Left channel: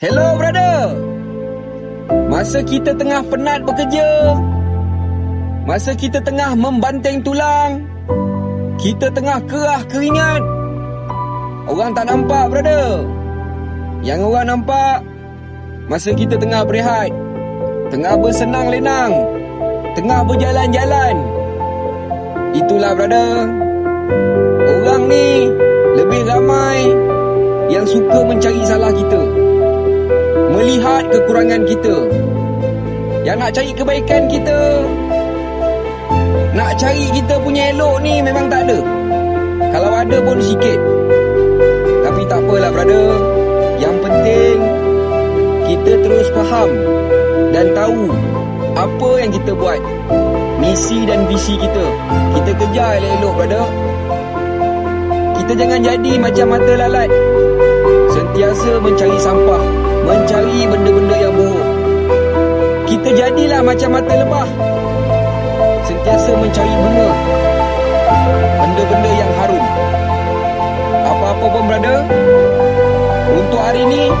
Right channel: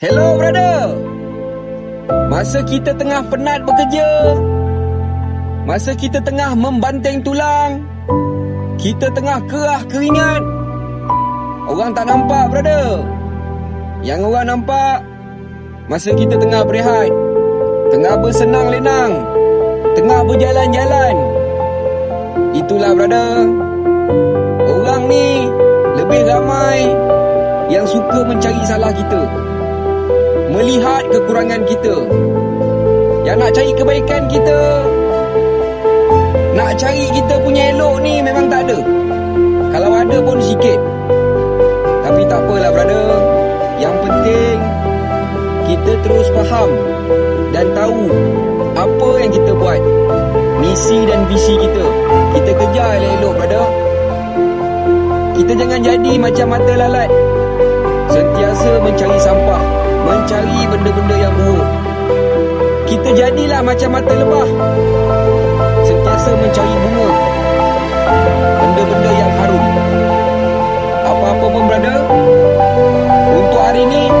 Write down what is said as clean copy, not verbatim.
Hello brother. Masa kita tengah penat bekerja, masa kita tengah membanteng tulang, kita tengah kerah keringat, orang tak nampak brother. Yang orang nampak masa kita tengah berehat, tengah bersenang lenang, tengah berjalan-jalan. Itulah brother. Orang ni lebih ramai yang suka mencari salah kita, melihat kekurangan kita. Yang nak cari kebaikan kita, nak cari kita punya elok ni memang tak ada. Kalau ada pun sikit. Tapi tak apalah brother. Yang penting kita terus faham dan tahu apa yang kita buat, misi dan visi kita. Kita kejar elok-elok brother. Kita jangan jadi macam mata lalat, sentiasa mencari sampah, mencari benda-benda yang buruk. Kita jadilah macam mata lebah, sentiasa mencari bunga, benda-benda yang harum. Apa-apa pun brother, untuk hari ni